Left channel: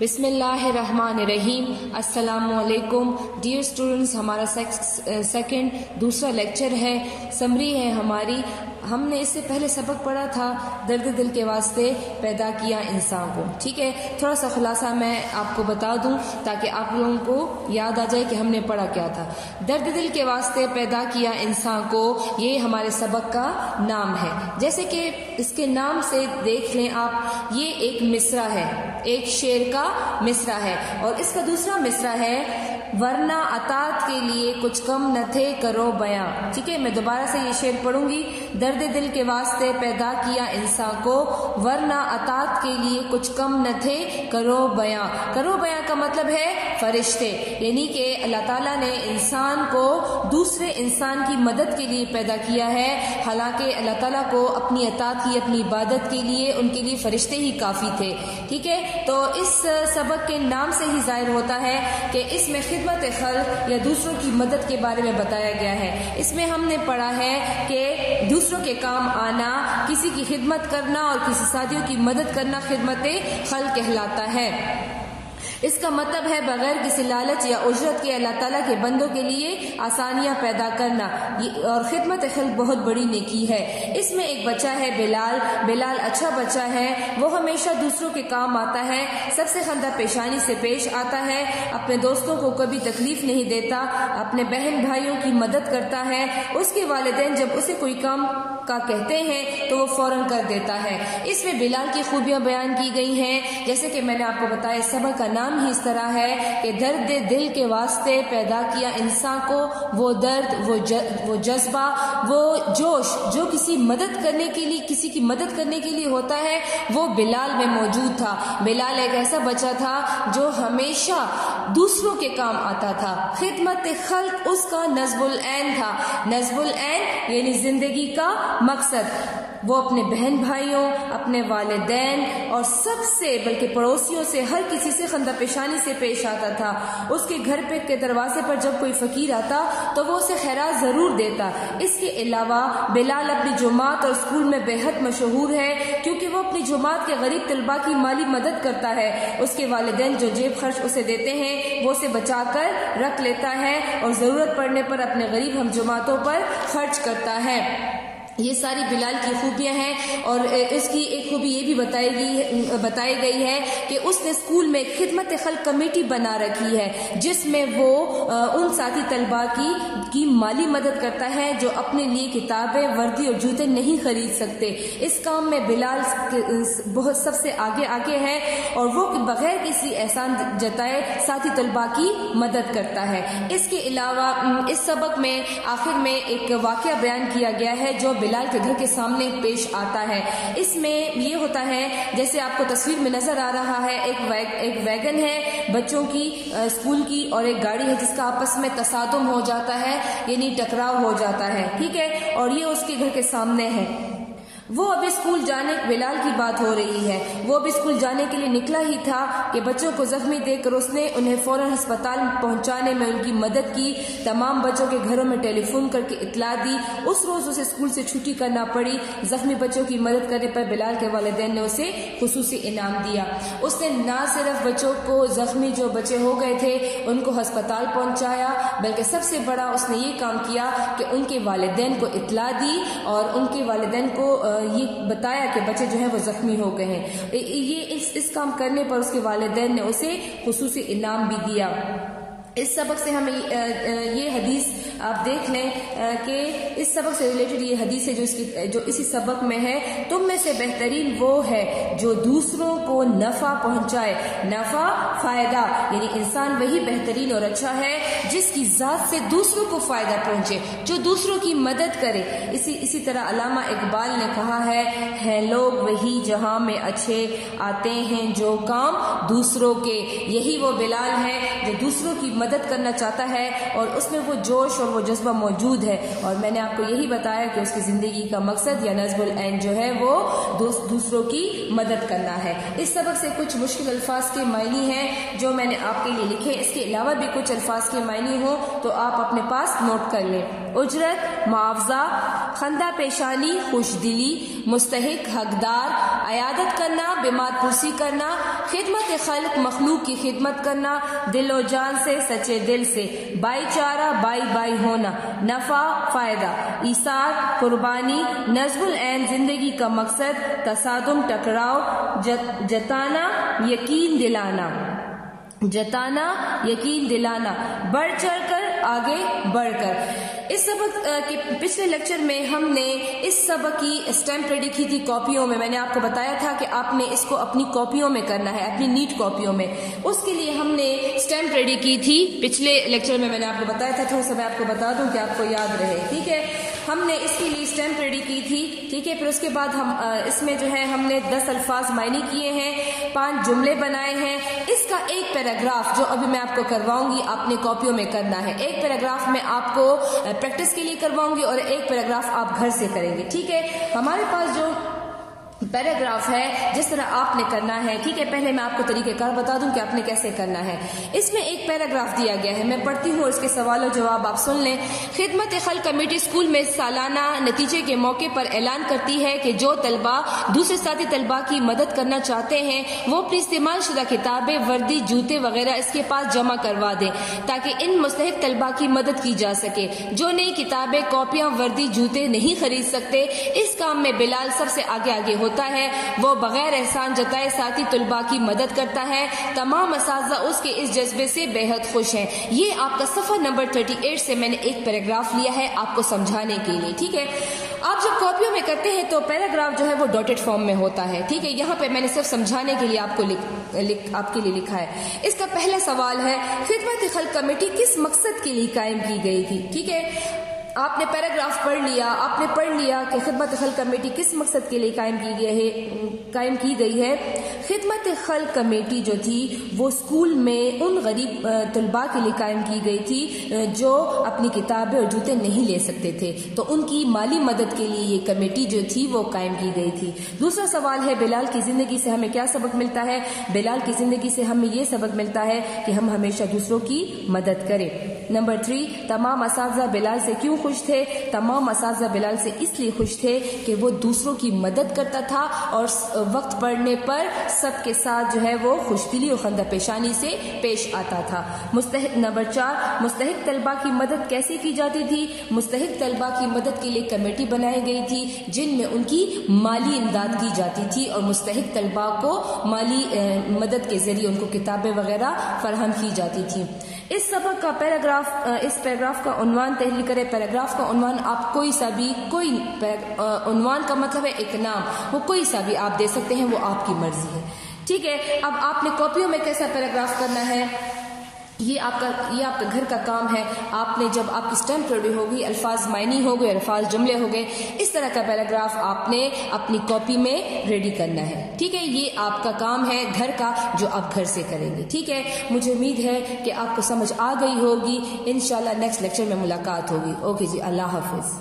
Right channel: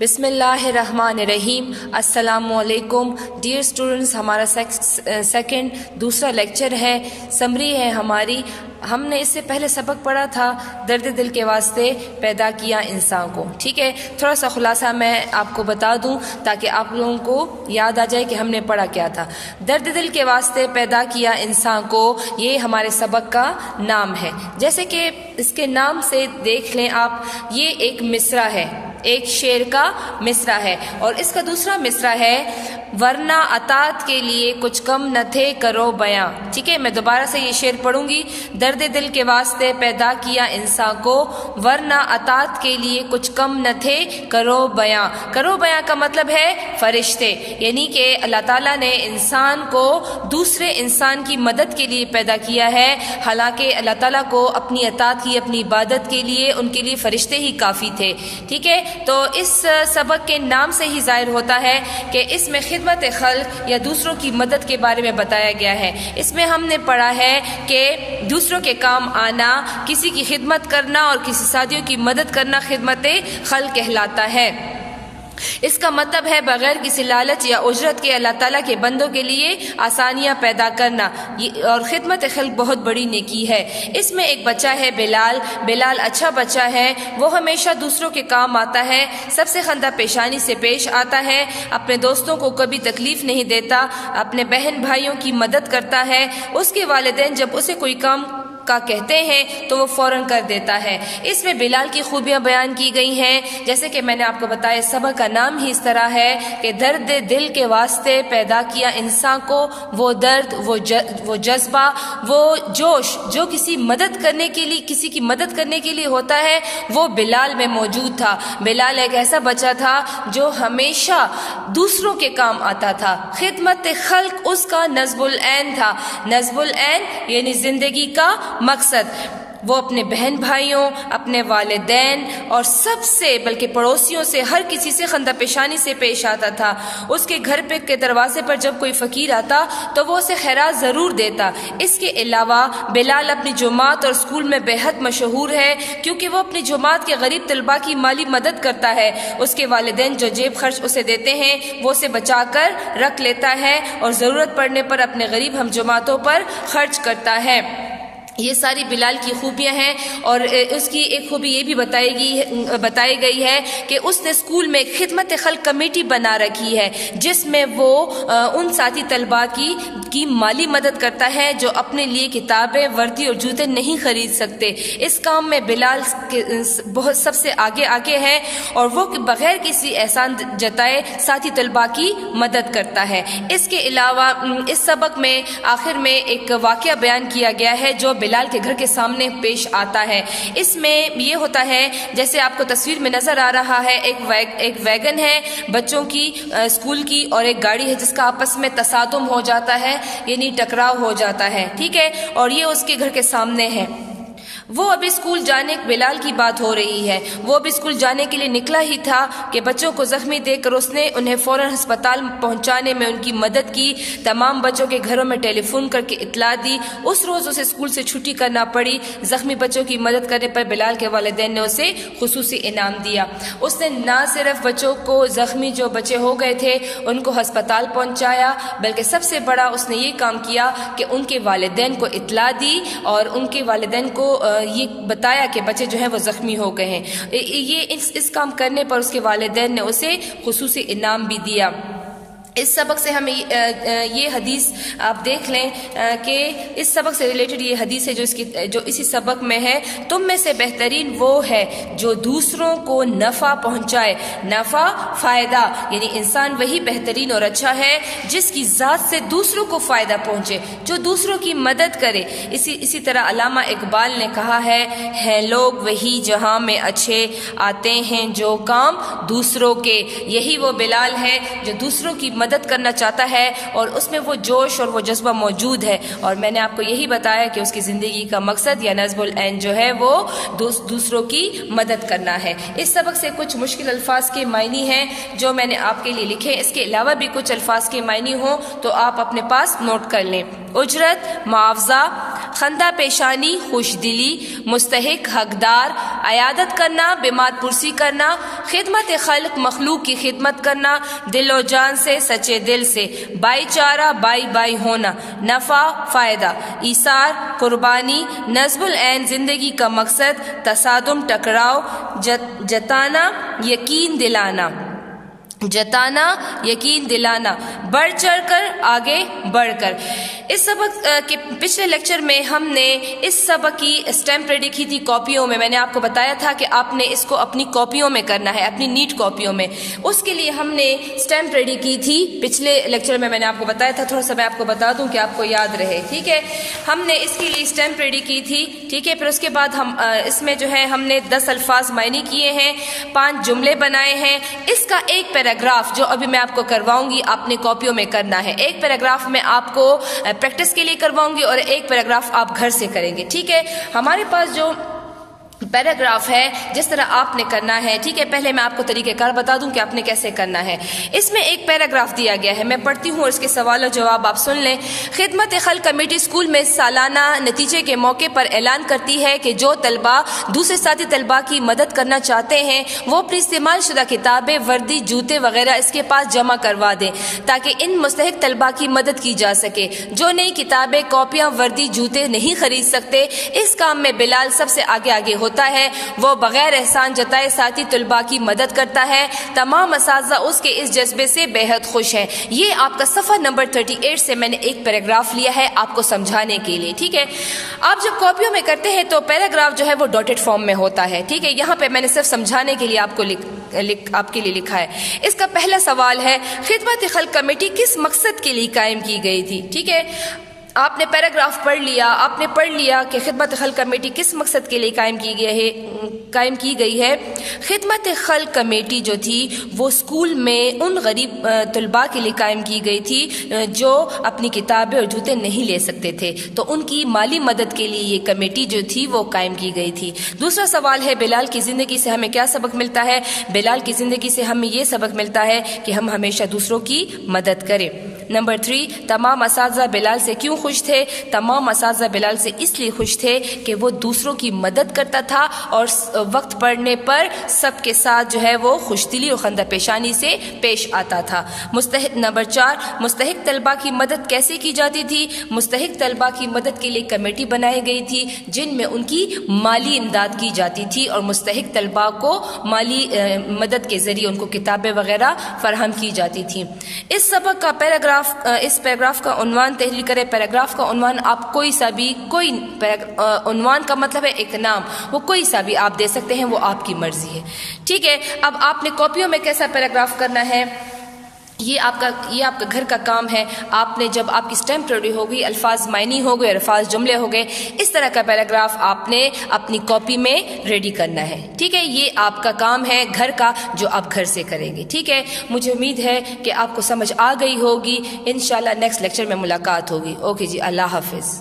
بسم اللہ الرحمن الرحیم۔ السلام علیکم ڈیئر اسٹوڈنٹس، ہمارا دوسرا لیکچر ہے، سمری ہے ہماری۔ ہم نے اس سے پہلے سبق پڑھا تھا درد دل کے واسطے پیدا کیا انسان کو، ٹھیک ہے۔ تھوڑا سا خلاصہ میں آپ کو بتا دوں تاکہ آپ لوگوں کو یاد آ جائے کہ ہم نے پڑھا کیا تھا۔ درد دل کے واسطے پیدا کیا انسان کو، یہ ہمارے سبق کا نام ہے۔ جیسے کہ اس کے نام سے دیکھ لیں آپ، یہ ایک مصرع ہے، ایک شعر کا مصرع ہے، اور اس کا دوسرا مصرع ہے ورنہ اطاعت کے لیے کچھ کم نہ تھے کرو بیاں، ٹھیک ہے۔ میں دوبارہ سے یہ شعر پڑھوں گی۔ درد دل کے واسطے پیدا کیا انسان کو، ورنہ اطاعت کے لیے کچھ کم نہ تھے کرو بیاں۔ کرو بیاں کا مطلب ہے فرشتے، یعنی کہ اللہ تعالیٰ نے انسان کو دوسرے انسان کی مدد کے لیے پیدا کیا ہے، حالانکہ اللہ تعالیٰ کو اپنی اطاعت کی، اپنی عبادت کے لیے ان کے لیے فرشتے ہی کافی تھے، ٹھیک ہے۔ تو اس سبق کے نام سے ہی ظاہر ہوتا ہے کہ اس میں خدمت خلق یا دوسروں کی مدد کے بارے میں بتایا گیا ہے۔ اس میں ہم نے پڑھا ہے کہ دوسروں کے کام آنا، کسی کی خدمت کرنا اور کسی ساتھیوں کی مدد کرنا خدمت خلق کہلاتا ہے۔ اس کا مطلب ہے بغیر کسی لالچ یا اجرت کے اللہ تعالیٰ کے بندوں کے لیے آسانیاں پیدا کرنا، اور خدمت خلق بہت بڑی نیکی ہے۔ اس میں ایک بچہ ہے بلال۔ بلال اچھا بچہ ہے، وہ ہمیشہ دوسروں کے کام آتا ہے، سب سے خندہ پیشانی سے پیش آتا ہے، اپنے دوستوں کو کبھی تکلیف نہیں دیتا، اپنے بہن بھائیوں کی مدد کرتا ہے۔ اس کے والدین جب اسے کوئی کام کا کہتے ہیں تو وہ فوراً کر دیتا ہے۔ اس میں بلال کی خوبیاں بیان کی گئی ہیں، جیسے کہ میں نے آپ کو بتایا سبق کا نام ہی اس طرح ہے کہ درد دل کے واسطے پیدا کیا انسان کو، وہ درد، وہ جذبہ، وہ جوش جو کسی کی مدد کرنے کے لیے ہوتا ہے، وہ بلال میں موجود تھا۔ بلال ایک ایسا بچہ تھا جو ہمیشہ دوسروں کے کام آتا تھا۔ خدمت خلق اس کا نصب العین تھا۔ نصب العین یعنی زندگی کا مقصد۔ وہ اپنے بہن بھائیوں، اپنے والدین اور سب سے بلکہ پڑوسیوں سے، ہر کسی سے خندہ پیشانی سے پیش آتا تھا۔ اس کے گھر کے دروازے پر جب کوئی فقیر آتا تو وہ اسے خیرات ضرور دیتا۔ اس کے علاوہ بلال اپنی جماعت اور اسکول میں بے حد مشہور ہے، کیونکہ وہ اپنی جماعت کے غریب طلباء کی مالی مدد کرتا ہے۔ اس کے والدین جو جیب خرچ اسے دیتے ہیں وہ اسے بچا کر رکھ لیتا ہے اور ضرورت پڑنے پر اپنے غریب ہم جماعتوں پر خرچ کرتا ہے۔ یہ ساری بلال کی خوبیاں ہیں، اور اس کی ایک خوبی یہ بھی بتائی گئی ہے کہ اس نے اسکول میں خدمت خلق کمیٹی بنا رکھی ہے، جس میں وہ ان ساتھی طلباء کی مالی مدد کرتا ہے جو اپنے لیے کتابیں، وردی اور جوتے نہیں خرید سکتے۔ اس کام میں بلال بہت سب سے آگے ہے، اور وہ بغیر کسی احسان جتائے ساتھی طلباء کی مدد کرتا ہے۔ اس کے علاوہ اس سبق میں آخر میں ایک واقعہ بیان کیا گیا ہے جو بلال کے گھر کے سامنے پیش آتا ہے۔ اس میں یہ ہوتا ہے جیسے آپ کو تصویر میں نظر آ رہا ہے، ایک ویگن ہے بچوں کی اسکول کی، اور ایک گاڑی ہے جس کا آپس میں تصادم ہو جاتا ہے، یعنی ٹکراؤ ہو جاتا ہے، ٹھیک ہے، اور یہ اس کے گھر کے سامنے ہے۔ وہ ابھی اسکول جانے، بلال کی بات ہو رہی ہے، وہ ابھی اسکول جانے کے لیے نکلا ہی تھا کہ بچوں کو زخمی دیکھ کر اس نے انہیں فوراً ہسپتال پہنچانے میں ان کی مدد کی، تمام بچوں کے گھروں میں ٹیلی فون کر کے اطلاع دی۔ اس روز اسے اسکول سے چھٹی کرنا پڑی۔ زخمی بچوں کی مدد کرنے پر بلال کے والدین نے اسے خصوصی انعام دیا۔ اس نے نہ صرف بچوں کو، زخمی جو بچے ہو گئے تھے ان کو ہسپتال پہنچایا، بلکہ سب سے بڑا اس نے یہ کام کیا کہ ان کے والدین کو اطلاع دی اور ان کے والدین کو یہ بتایا کہ بچے جو ہیں وہ زخمی ہو گئے ہیں۔ یہ اس کام کرنے پر اس کے والدین نے اسے خصوصی انعام بھی دیا۔ اس سبق سے ہمیں یہ حدیث آپ دیکھ لیں کہ اس سبق سے ریلیٹڈ یہ حدیث ہے جو اسی سبق میں ہے، تم میں سے بہترین وہ ہے جو دوسروں کو نفع پہنچائے۔ نفع، فائدہ، یعنی انسان وہی بہترین اور اچھا ہے جس کی ذات سے دوسروں کو فائدہ پہنچے، جو دوسروں کی مدد کرے۔ اسی طرح علامہ اقبال نے کہا ہے لوگ وہی جہاں میں اچھے آتے ہیں جو کام دوسروں کے۔ یہی وہ بلال ہے جو دوسروں کی مدد کرنا چاہتا ہے، اور اس میں وہ جوش اور وہ جذبہ موجود ہے، اور میں نے آپ کو یہی بتایا کہ اس کی زندگی کا مقصد یا نصب العین جو ہے وہ دوسروں کی مدد کرنا ہے۔ اس سبق سے کچھ مشکل الفاظ کے معنی ہیں جو میں نے آپ کے لیے لکھے، اس کے علاوہ بھی کچھ الفاظ کے معنی ہوں تو آپ اپنے پاس نوٹ کر لیں۔ اجرت، معاوضہ، خندہ پیشانی خوش دلی، مستحق حقدار، عیادت کرنا بیمار پرسی کرنا، خدمت خلق مخلوق کی خدمت کرنا، دل و جان سے سچے دل سے، بھائی چارہ بائی بائی ہونا، نفع فائدہ، ایثار قربانی، نصب العین زندگی کا مقصد، تصادم ٹکراؤ، جتانا یقین دلانا، جتانا یقین دلانا، بڑھ چڑھ کر آگے بڑھ کر۔ اس سبق کے پچھلے لیکچر میں ہم نے اس سبق کی اسٹیمپ ریڈی کی تھی کاپیوں میں نے آپ کو بتایا تھا کہ آپ نے اس کو اپنی کاپیوں میں کرنا ہے، اپنی نیٹ کاپیوں میں۔ اس کے لیے ہم نے اسٹیمپ ریڈی کی تھی پچھلے لیکچر میں نے آپ کو بتایا تھا، تھوڑا سا میں آپ کو بتا دوں کہ آپ کو یاد رہے، ٹھیک ہے۔ ہم نے اس کے لیے اسٹیمپ ریڈی کی تھی، ٹھیک ہے۔ پھر اس کے بعد ہم اس میں جو ہے ہم نے 10 الفاظ معنی کیے ہیں، 5 جملے بنائے ہیں۔ اس کا ایک پیراگراف جو ابھی میں آپ کو کرواؤں گی آپ نے کاپیوں میں کرنا ہے۔ ایک پیراگراف میں آپ کو پریکٹس کے لیے کرواؤں گی اور ایک پیراگراف آپ گھر سے کریں گے، ٹھیک ہے۔ ہمارے پاس جو پیراگراف ہے جس طرح آپ نے کرنا ہے، ٹھیک ہے، پہلے میں آپ کو طریقہ کار بتا دوں کہ آپ نے کیسے کرنا ہے۔ اس میں ایک پیراگراف دیا گیا ہے، میں پڑھتی ہوں اور اس کے سوال و جواب آپ سن لیں۔ خدمت خلق کمیٹی اسکول میں سالانہ نتیجے کے موقع پر اعلان کرتی ہے کہ جو طلبہ دوسرے ساتھی طلبہ کی مدد کرنا چاہتے ہیں وہ اپنی استعمال شدہ کتابیں، وردی، جوتے وغیرہ اس کے پاس جمع کروا دیں تاکہ ان مستحق طلبہ کی مدد کی جا سکے۔ جو نئی کتابیں، کاپیاں، وردی، جوتے نہیں خرید سکتے، اس کام میں بلال سب سے آگے ہوتا ہے، وہ بغیر احسان جتائے ساتھی طلباء کی مدد کرتا ہے۔ تمام اساتذہ اس کے اس جذبے سے بے حد خوش ہیں۔ یہ آپ کا صفحہ نمبر 38 سے میں نے ایک پیراگراف لیا ہے آپ کو سمجھانے کے لیے، ٹھیک ہے۔ آپ جب کاپیوں میں کرتے ہیں تو پیراگراف جو ہے وہ ڈاٹڈ فارم میں ہوتا ہے، ٹھیک ہے۔ یہاں پہ میں نے صرف سمجھانے کے لیے آپ کے لیے لکھا ہے۔ اس کا پہلا سوال ہے خدمت خلق کمیٹی کس مقصد کے لیے قائم کی گئی تھی، ٹھیک ہے۔ آپ نے پیراگراف پڑھ لیا، آپ نے پڑھ لیا کہ خدمت خلق کمیٹی کس مقصد کے لیے قائم کی گئی ہے۔ خدمت خلق کمیٹی جو تھی وہ اسکول میں ان غریب طلباء کے لیے قائم کی گئی تھی جو اپنی کتابیں اور جوتے نہیں لے سکتے تھے، تو ان کی مالی مدد کے لیے یہ کمیٹی جو تھی وہ قائم کی گئی تھی۔ دوسرا سوال ہے بلال کی زندگی سے ہمیں کیا سبق ملتا ہے؟ بلال کی زندگی سے ہمیں یہ سبق ملتا ہے کہ ہم ہمیشہ دوسروں کی مدد کریں۔ نمبر 3، تمام اساتذہ بلال سے کیوں خوش تھے؟ تمام اساتذہ بلال سے اس لیے خوش تھے کہ وہ دوسروں کی مدد کرتا تھا اور وقت پڑنے پر سب کے ساتھ جو ہے وہ خوش دلی اور خندہ پیشانی سے پیش آتا تھا۔ نمبر 4، مستحق طلباء کی مدد کیسے کی جاتی تھی؟ مستحق طلباء کی مدد کے لیے کمیٹی بنائی گئی تھی جن میں ان کی مالی امداد کی جاتی تھی اور مستحق طلباء کو مالی مدد کے ذریعے ان کو کتابیں وغیرہ فراہم کی جاتی تھی۔ اس سبق کا اس پیراگراف کا عنوان تحریر کریں۔ پیراگراف کا عنوان آپ کوئی سا بھی، عنوان کا مطلب ہے ایک نام، وہ کوئی سا بھی آپ دے سکتے ہیں، وہ آپ کی مرضی ہے، ٹھیک ہے۔ اب آپ نے کاپیوں میں کیسا پیراگراف کرنا ہے یہ آپ کا گھر کا کام ہے۔ آپ نے جب آپ کی اسٹیمپ ریڈی ہو گئی، الفاظ معنی ہو گئے، الفاظ جملے ہو گئے، اس طرح کا پیراگراف آپ نے اپنی کاپی میں ریڈی کرنا ہے، ٹھیک ہے۔ یہ آپ کا کام ہے گھر کا جو آپ گھر سے کریں گے، ٹھیک ہے۔ مجھے امید ہے کہ آپ کو سمجھ آ گئی ہوگی۔ انشاءاللہ نیکسٹ لیکچر میں ملاقات ہوگی۔ اوکے جی، اللہ حافظ۔